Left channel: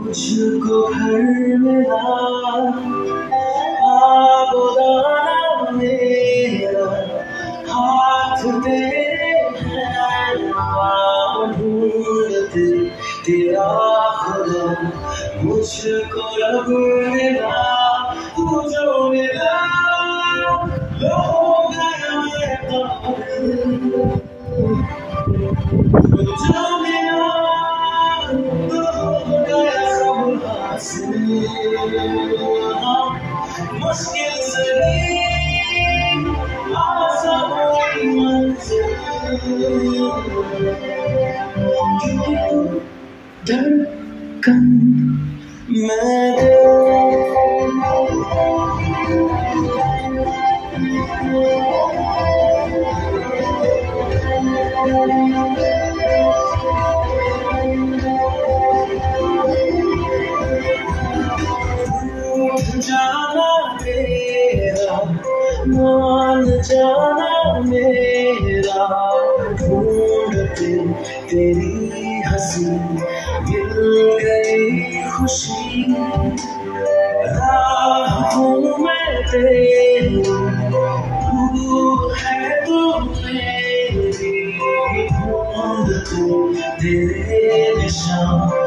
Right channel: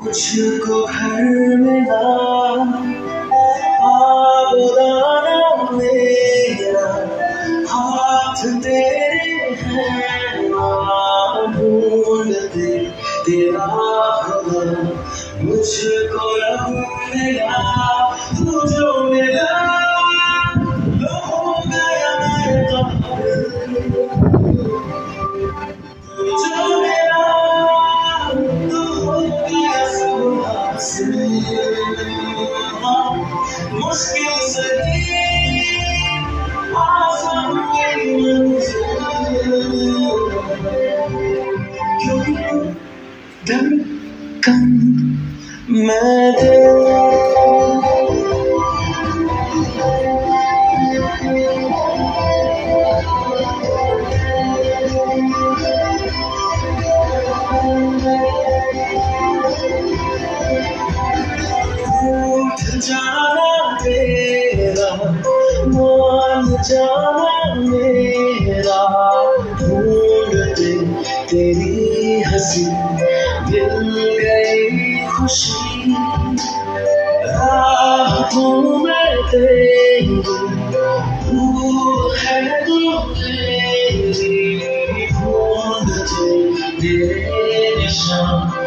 मुझको घर मिला आबोदाना मेरा, हाथ तेरे हैं ना ढूंढते तेरा खुदा। मुझको रब मिला, तू जो मिला लो हो गया मैं तो, तू जो मिला तो हो गया सब हासिल। मुश्किल से आसान हुई मंजिल, क्योंकि धड़कन मैं जाना तेरा, मान जाना मेरा, ढूंढते तेरी हंसी मिल गई खुशी। राहों में तेरी भूल है तो तेरी, ढूंढते तेरे निशान